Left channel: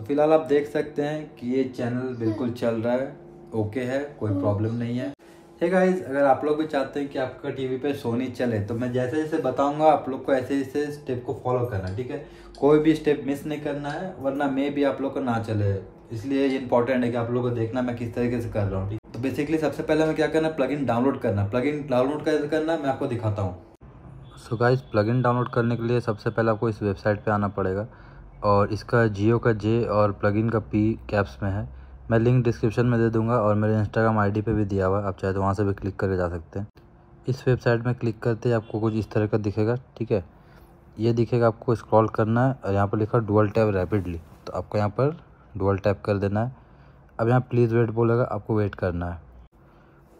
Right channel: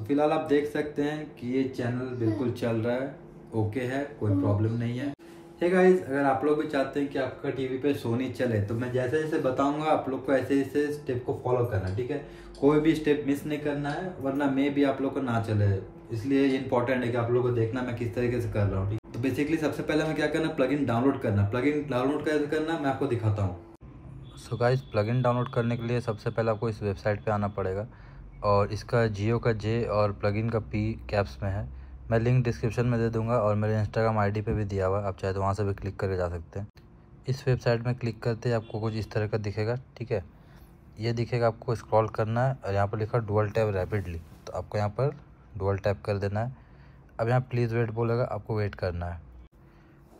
तो फिलहाल आप देख सकते हैं कि ये चैनल बिल्कुल चल रहा है, ओके है, कोई प्रॉब्लम नहीं है। हे गाइस, अगर आप लोग भी चाहते हैं कि आपका टीवी पे सोनी चले तो मैं जैसे जैसे बताऊंगा आप लोग को ऐसे ऐसे स्टेप को फॉलो करना है, ठीक है। कोई भी स्टेप मिस नहीं करना है, वरना मे भी आप लोग को ना चले। इसलिए इंपॉर्टेंट है कि आप लोग को देखना मैं किस तरीके से कर रहा हूँ, ठीक। तो बेसिकली सबसे पहले हमें क्या करना है, प्लगइन डाउनलोड करना है। प्लगइन डाउनलोड कैसे करना है मैं आपको दिखाता हूँ। सो गाइस, प्लगइन डाउनलोड करने के लिए सबसे पहले आपको इस वेबसाइट पे आना पड़ेगा और इसका जियो का जे और प्लगइन का पी कैप्स में है। मैं लिंक डिस्क्रिप्शन में दे दूंगा और मेरे इंस्टाग्राम आईडी पे भी दिया हुआ है, आप चाहे तो वहाँ से भी क्लिक करके जा सकते हैं। इस वेबसाइट में क्लिक करते ही आपको कुछ इस तरह का दिखेगा, ठीक है। ये दिखेगा, आपको स्क्रॉल करना है और यहाँ पर लिखा डुअल टैप रैपिडली, तो आपको यहाँ पर डुअल टैप कर देना है। अब यहाँ प्लीज़ वेट बोलेगा, आपको वेट करना है।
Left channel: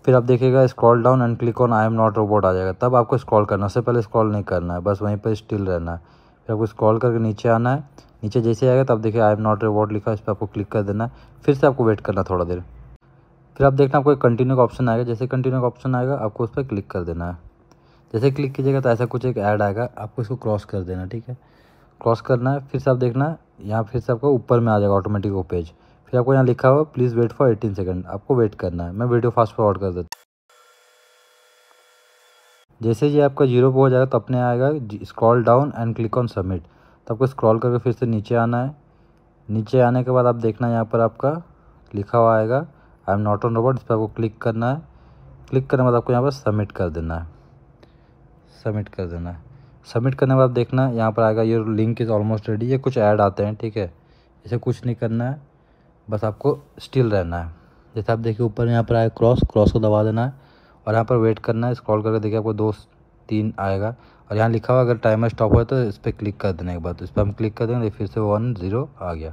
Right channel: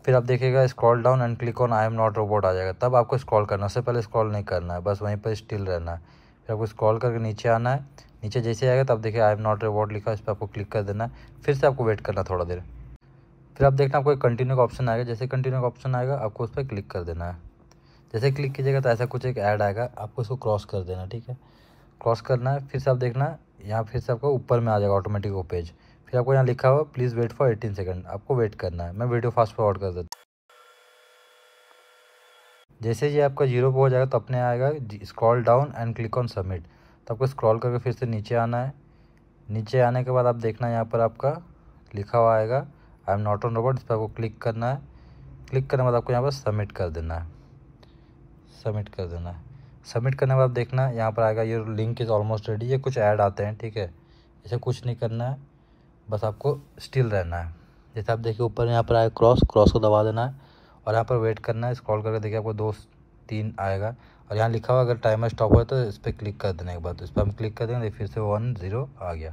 फिर आप देखिएगा scroll down and click on I am not robot आ जाएगा, तब आपको स्क्रॉल करना है। उससे पहले स्क्रॉल नहीं करना है, बस वहीं पर स्टिल रहना है। फिर आपको स्क्रॉल करके नीचे आना है। नीचे जैसे आएगा तब देखिए आई एम नॉट रोबोट लिखा है, इस पर आपको क्लिक कर देना है। फिर से आपको वेट करना थोड़ा देर। फिर आप देखना आपको एक कंटिन्यू का ऑप्शन आएगा। जैसे कंटिन्यू का ऑप्शन आएगा आपको उस पर क्लिक कर देना है। जैसे क्लिक कीजिएगा तो ऐसा कुछ एक ऐड आएगा, आपको इसको क्रॉस कर देना, ठीक है। क्रॉस करना है। फिर से आप देखना यहाँ फिर से आपको ऊपर में आ जाएगा ऑटोमेटिक वो पेज। फिर आपको यहाँ लिखा हुआ प्लीज़ वेट फॉर 18 सेकंड, आपको वेट करना है। मैं वीडियो फास्ट फॉरवर्ड कर देता हूँ। जैसे ये आपका 0 पे हो जाएगा तो अपने आएगा scroll down and click on submit, तो आपको स्क्रॉल करके फिर से नीचे आना है। नीचे आने के बाद आप देखना यहाँ पर आपका लिखा हुआ आएगा आई एम नॉट ऑन रोबोट, इस पर आपको क्लिक करना है। क्लिक करने के बाद आपको यहाँ पर सबमिट कर देना है। सबमिट कर देना है। सबमिट करने के बाद देखना यहाँ पर आएगा your link is almost ready. ये कुछ ऐड आते हैं, ठीक है। इसे कुछ नहीं करना है, बस आपको स्टिल रहना है। जैसे आप देखिए ऊपर यहाँ पर आएगा क्रॉस को दबा देना है और यहाँ पर वेट करना है। स्क्रॉल करके देखिए आपको 2-3 आएगा और यहाँ लिखा हुआ अगर टाइमर स्टॉप हो तो इस पर क्लिक कर देने के बाद इस पर हम क्लिक कर देंगे, फिर से 1-0 आ गया।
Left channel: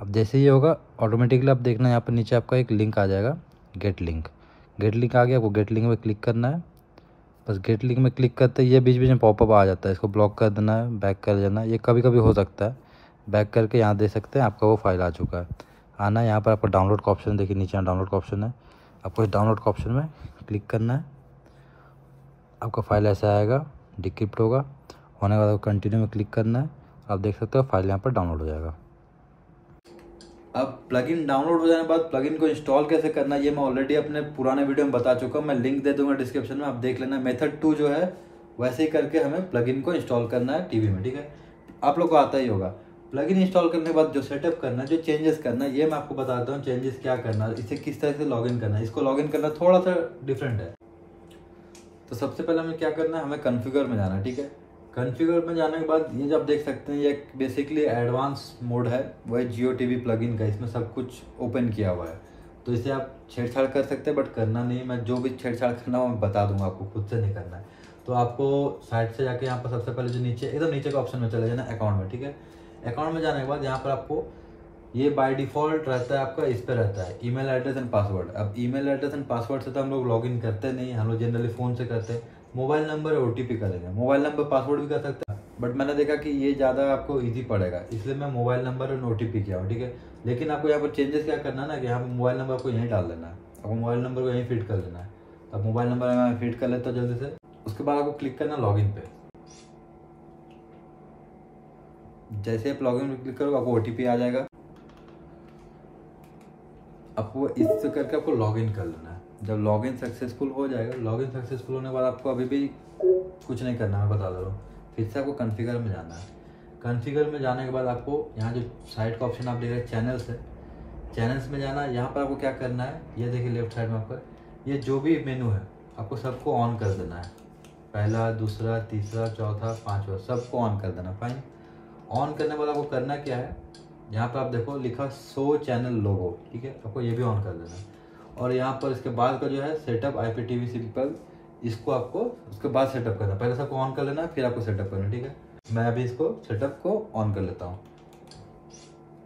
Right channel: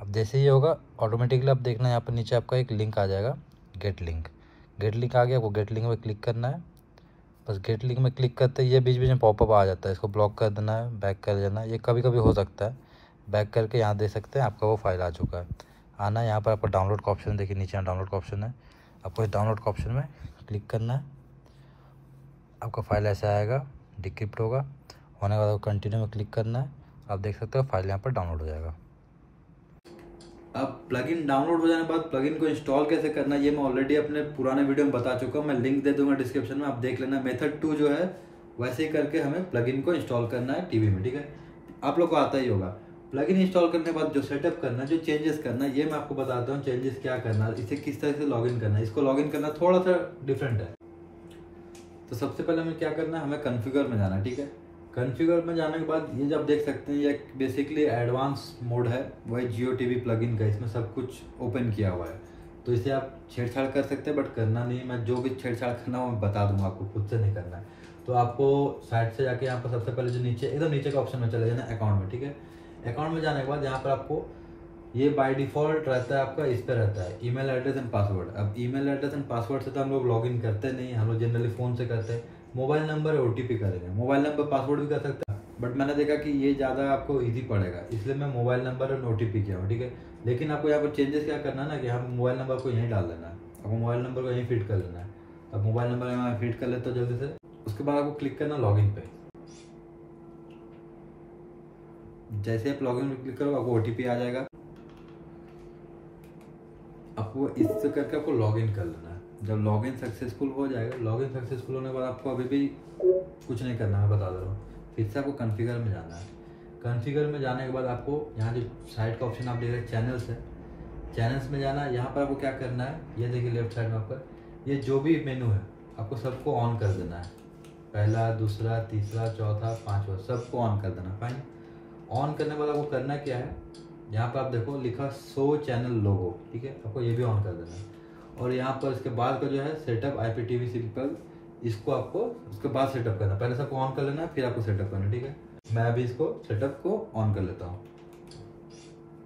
अब जैसे ये होगा ऑटोमेटिकली आप देखना यहाँ पर नीचे आपका एक लिंक आ जाएगा, गेट लिंक। गेट लिंक आ गया, आपको गेट लिंक में क्लिक करना है। बस गेट लिंक में क्लिक करते ही ये बीच बीच में पॉपअप आ जाता है, इसको ब्लॉक कर देना है, बैक कर देना है। ये कभी कभी हो सकता है, बैक करके यहाँ देख सकते हैं आपका वो फाइल आ चुका है। आना यहाँ पर आपको डाउनलोड का ऑप्शन देखिए, नीचे डाउनलोड का ऑप्शन है, आपको इस डाउनलोड का ऑप्शन में क्लिक करना है। आपका फाइल ऐसा आएगा, डिक्रिप्ट होगा, होने के बाद कंटिन्यू में क्लिक करना है। आप देख सकते हो फाइल यहाँ पर डाउनलोड हो जाएगा। अब प्लगइन डाउनलोड हो जाने के बाद प्लगइन को इंस्टॉल कैसे करना है ये मैं ऑलरेडी अपने पुराने वीडियो में बता चुका हूँ, मैं लिंक दे दूंगा डिस्क्रिप्शन में, आप देख लेना। मेथड 2 जो है वैसे ही करके हमें प्लगइन को इंस्टॉल करना है टीवी में, ठीक है। आप लोग को आता ही होगा। प्लगइन इंस्टॉल करने के बाद जो सेटअप करना है, जो चेंजेस करना है, ये मैं आपको बताता हूँ चेंजेस क्या करना है, इसे किस तरह से लॉगिन करना है। इसको लॉगिन करना थोड़ा सा डिफरेंट है। तो सबसे पहले हमें क्या करना है, हमें कॉन्फ़िगर में जाना है, ठीक है। कॉन्फ़िगर में जाने के बाद ये जब देख सकते हैं ये बेसिकली एडवांस मोड है, वही जियो टीवी प्लगइन का, इसमें सब कुछ ओपन किया हुआ है। तो इसे आप छेड़छाड़ कर सकते हैं, बट करना नहीं है। मैं जो भी छेड़छाड़ करना हो मैं बता दूंगा आपको, खुद से नहीं करना है। तो आपको साइड से जाके यहाँ पर सबसे पहले जो नीचे एकदम नीचे का ऑप्शन में चले जाना, अकाउंट में, ठीक है। अकाउंट में जाने के बाद यहाँ पर आपको ये बाय डिफॉल्ट रहता है आपका, इस पे रहता है ईमेल एड्रेस एंड पासवर्ड। अब ईमेल एड्रेस एंड पासवर्ड से तो हम लोग लॉगिन करते नहीं, हम लोग जनरली फ़ोन से करते हैं। मोबाइल नंबर OTP करेंगे, मोबाइल नंबर पासवर्ड भी कर सकते हैं, बट मैंने देखा कि ये ज़्यादा आपको इजी पड़ेगा, इसलिए मैं मोबाइल नंबर और OTP किया हूँ, ठीक है। लेकिन आपको यहाँ पर चेंजेस क्या करना है ना, कि यहाँ पर मोबाइल नंबर को यहीं डाल देना है, आपको मोबाइल नंबर को यहीं फिट कर लेना है। अब मोबाइल नंबर मैं फिट कर लेता हूँ जल्दी से। उसके बाद आपको क्लिक करना लॉगिन पे। जैसे आप लॉगिन में क्लिक करोगे आपको OTP आ जाएगा, आपको इससे करके आपको लॉगिन कर लेना है। जब लॉगिन सक्सेसफुल हो जाएगा, लॉगिन सक्सेसफुल होने के बाद आपको अभी भी कुछ नहीं करना, मैं बता दे रहा हूँ। फिर से आपको कॉन्फ़िगर में जाना है। कॉन्फ़िगर में जाने के बाद आपको यहाँ जो साइड का ऑप्शन आप देख रहे हैं चैनल्स है, चैनल्स में जाना है। यहाँ पर आपको क्या करना है, ये देखिए लेफ्ट साइड में आपका ये जो भी मेनू है आपको सबको ऑन कर देना है। पहला, दूसरा, तीसरा, चौथा, पाँचवा, सबको ऑन कर देना। फाइन। ऑन करने के बाद आपको करना क्या है, यहाँ पर आप देखो लिखा शो चैनल लोगो, ठीक है, आपको ये भी ऑन कर देना है। और यहाँ पर इसके बाद का जो है सेटअप IPTV सिंपल, इसको आपको उसके बाद सेटअप करना है। पहले सबको ऑन कर लेना है, फिर आपको सेटअप करना है, ठीक है। मैं अभी इसको सेटअप को ऑन कर लेता हूँ।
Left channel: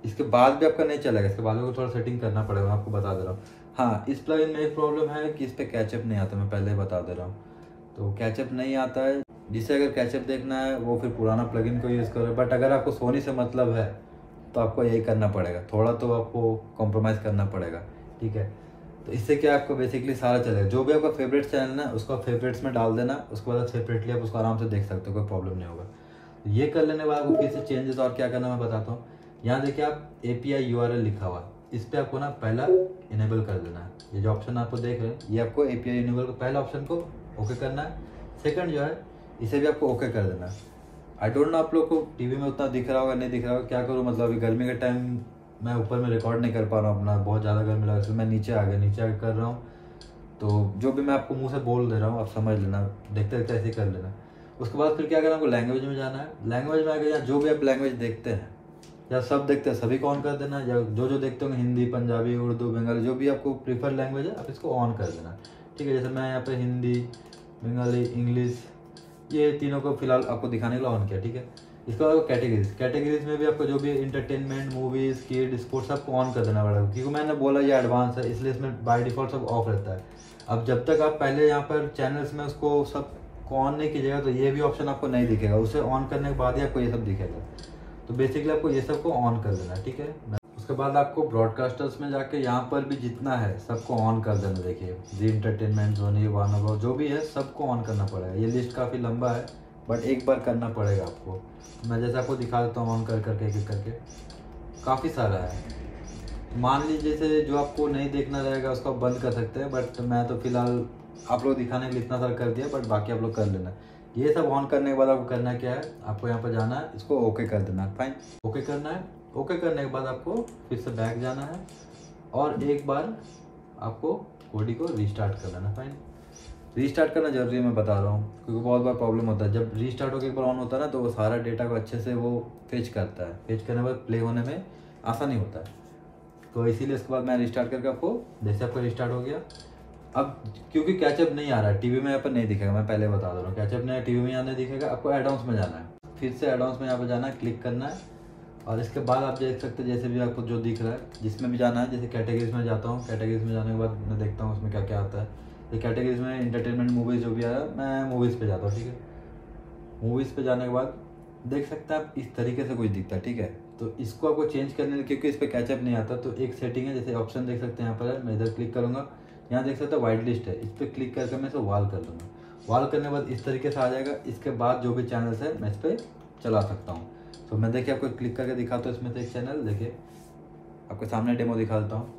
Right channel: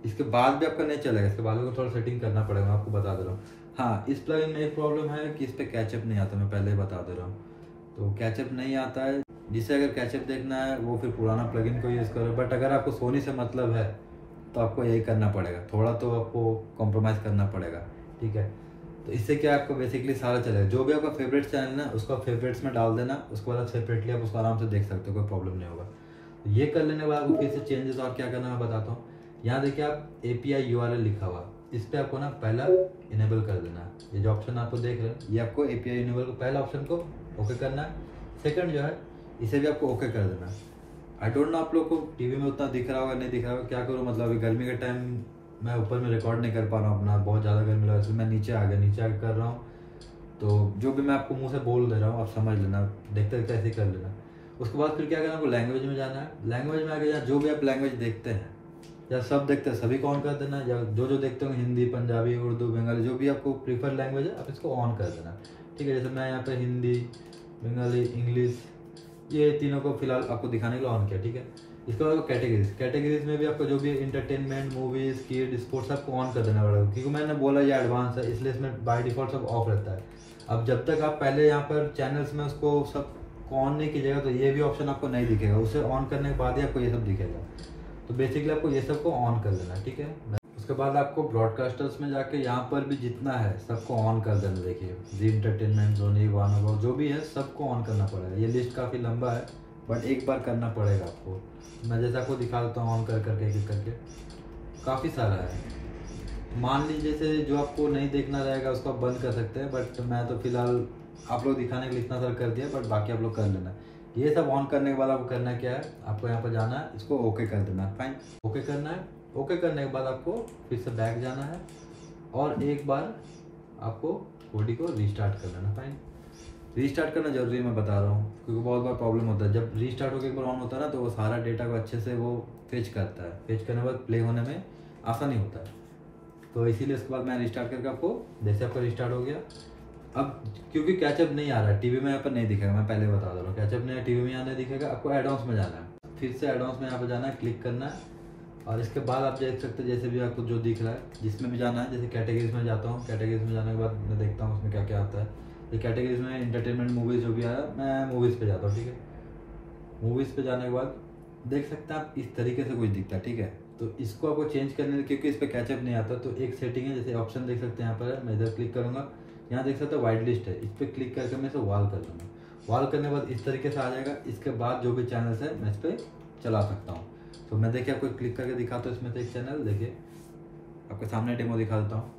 इसके बाद भी आपका नहीं चलेगा, इसके बाद आपको थोड़ा सेटिंग करना पड़ेगा, मैं आपको बता दे रहा हूँ। हाँ, इस प्लगइन में एक प्रॉब्लम है कि इस पर कैचअप नहीं आता, मैं पहले ही बता दे रहा हूँ। तो कैचअप नहीं आता है, जिसे अगर कैचअप देखना है वो फिर पुराना प्लगइन को यूज़ करो। बट अगर आपको सोनी से मतलब है तो आपको यही करना पड़ेगा, थोड़ा तो आपको कॉम्प्रोमाइज़ करना पड़ेगा, ठीक है। तो इससे क्या आपको बेसिकली सारा चलेगा। जो भी आपका फेवरेट चैनल है उसको फेवरेट्स में डाल देना, उसके बाद सेपरेटली आप उसको आराम से देख सकते हो, कोई प्रॉब्लम नहीं होगा। तो ये कर लेने के बाद आपको फिर से चेंजेस और क्या करना मैं बताता हूँ। यहाँ देखिए आप API URL लिखा हुआ, इस पर आपको ना पहला इनेबल कर देना है। ये जो ऑप्शन आपको देख रहे हैं, ये आपको API इनेबल को पहला ऑप्शन को ओके करना है। सेकंड जो है इसे भी आपको ओके कर देना है। आई डोंट नो आप लोग को टीवी में उतना दिख रहा होगा नहीं दिख रहा होगा, क्या करूँ मतलब अभी गर्मी के टाइम मैं ऊपर में रिकॉर्ड नहीं कर पा रहा हूँ अपना, बहुत ज़्यादा गर्मी लगा, इसलिए मैं नीचे आ गया, नीचे आके कर रहा हूँ। तो जो भी मैं आपको मुंह से बोल दे रहा हूँ आप समझ लेना, देखते देखते ऐसे ही कर लेना। उसके बाद फिर क्या करना, आपको लैंग्वेज में जाना है। लैंग्वेज में आके यहाँ जो भी आप लैंग्वेज देखते हैं या सब देखते हैं सभी को ऑन कर देना है, या जो जो देखते होंगे हिंदी, पंजाबी, उर्दू, बंगाली, जो भी आपको प्रीफर लैंग्वेज है आप इसको ऑन कर देना। ठीक है, जैसे मैं यहाँ पे हिंदी, बंगाली, इंग्लिश, ये तीनों को फिलहाल आपको दिखाने के लिए ऑन किया। ठीक है, इसके बाद कैटेगरीज में भी आपको जो भी इंटरटेनमेंट, मूवीज, किड, स्पोर्ट्स आपको ऑन कर देना पड़ेगा, क्योंकि मैंने बोला ये एडवांस है इसलिए इसमें बाय डिफॉल्ट सब ऑफ रहता है। अब जब तक आप पहले यहाँ पर चैनल्स में उसको सब ऑन नहीं कीजिएगा तो ये भी ऑप्शन आपको नहीं दिखेगा, उसे ऑन करने के बाद ही आपको ये सब दिखेगा। तो बेसिकली आपको ये सबको ऑन कर देना है। ठीक है, उसके बाद आपको ब्रॉडकास्टर्स में जाके यहाँ पर भी जितना है सबको ऑन कर देना। देखिए जी इंटरटेनमेंट, सोनी, वार्नर, जो भी है सबको ऑन करना पड़ेगा। ये लिस्ट काफ़ी लंबा है बट एक बार करना पड़ेगा आपको। मैं जैसे आपको दिखा देता हूँ ऑन कर करके एक एक करके, काफ़ी सारा है। मान लीजिए जैसे जो आपको नहीं देखना रहेगा उसको आप बंद कर सकते हैं, बट मैं तो फिलहाल आप लोग दिखाने के लिए इतना सारा कर दिया, बट बाकी आप लोग कर लेना। ये सब ऑन करने के बाद आपको करना क्या है, आपको यहाँ पर जाना है, इसको ओके कर देना है। फाइन, ओके करना है। ओके करने के बाद आपको फिर से बैक जाना है और एक बार आपको कोडी को रीस्टार्ट कर लेना। फाइन, रीस्टार्ट करना जरूरी है, मैं बता रहा हूँ, क्योंकि बहुत बार प्रॉब्लम होता है जब रीस्टार्ट होकर एक बार ऑन होता है ना, तो वो सारा डेटा को अच्छे से वो फेच करता है, फेच करने के बाद प्ले होने में आसानी होता है। तो इसीलिए उसके बाद मैं रिस्टार्ट करके आपको, जैसे आपका रिस्टार्ट हो गया, अब क्योंकि कैचअप नहीं आ रहा है टीवी में, यहाँ पर नहीं दिखेगा, मैं पहले बता दे रहा हूँ, कैचअप नहीं टीवी में यहाँ नहीं दिखेगा, आपको एडवांस में जाना है। फिर से एडवांस में यहाँ पर जाना है, क्लिक करना है और इसके बाद आप देख सकते हैं जैसे भी आपको जो दिख रहा है, जिसमें भी जाना है। जैसे कैटेगरीज में जाता हूँ, कैटेगरीज में जाने के बाद मैं देखता हूँ उसमें क्या क्या आता है। तो कैटेगरीज में इंटरटेनमेंट, मूवीज़ जो भी आ रहा है, मैं मूवीज़ पे जाता हूँ। ठीक है, मूवीज़ पे जाने के बाद देख सकते हैं आप इस तरीके से कुछ दिखता है। ठीक है, तो इसको आपको चेंज करने, क्योंकि इस पर कैचअप नहीं आता, तो एक सेटिंग है, जैसे ऑप्शन देख सकते हैं यहाँ पर है, मैं इधर क्लिक करूँगा, यहाँ देख सकते हैं वाइट लिस्ट है, इस पर क्लिक करके मैं इसे वाल कर दूँगा। वाल करने के बाद इस तरीके से आ जाएगा। इसके बाद जो भी चैनल्स है मैं इस पर चला सकता हूँ। तो मैं देखिए आपको क्लिक करके दिखाता हूँ इसमें से एक चैनल, देखिए आपके सामने डेमो दिखा देता हूँ।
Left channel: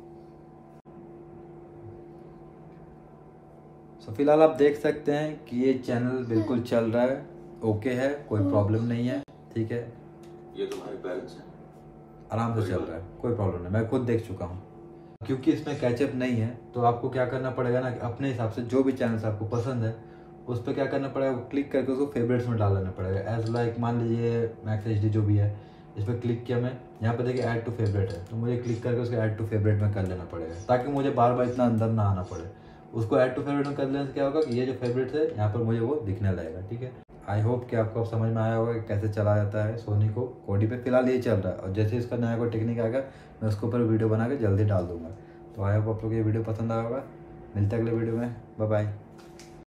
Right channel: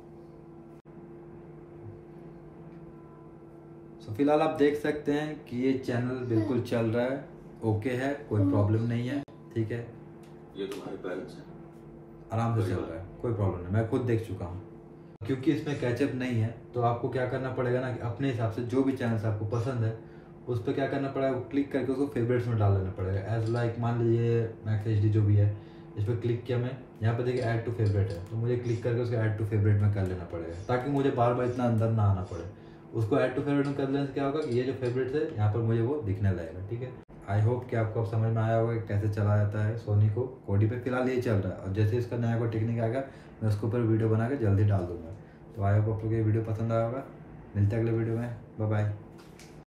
तो फिलहाल आप देख सकते हैं कि ये चैनल बिल्कुल चल रहा है, ओके है, कोई प्रॉब्लम नहीं है। ठीक है, ये तुम्हारे पेरेंट्स हैं, आराम से चल रहा है, कोई प्रॉब्लम नहीं, मैं खुद देख चुका हूँ। क्योंकि इसमें कैचअप नहीं है तो आपको क्या करना पड़ेगा ना, कि अपने हिसाब से जो भी चैनल्स आपको पसंद है उस पर क्या करना पड़ेगा, क्लिक करके उसको फेवरेट्स में डाल देना पड़ेगा। एज लाइक मान लीजिए मैक्स HD जो भी है, इस पर क्लिक किया मैं, यहाँ पर देखिए ऐड टू फेवरेट है, तो मुझे क्लिक करके उसको ऐड टू फेवरेट में कर लेना पड़ेगा, ताकि मुझे बार बार इतना अंदर ना आना पड़े। उसको ऐड टू फेवरेट में कर लेने से क्या होगा कि ये जो फेवरेट्स है यहाँ पर मुझे वो दिखने लगेगा। ठीक है, आई होप कि आपको अब समझ में आया होगा कि कैसे चला जाता है सोनी को। कोडी पे फिलहाल ये चल रहा है, और जैसे इसका नया कोई टेक्निक आएगा मैं उसके ऊपर वीडियो बना के जल्दी डाल दूंगा। तो आई होप आप लोग ये वीडियो पसंद आया होगा। मिलते हैं अगले वीडियो में, बाय बाय।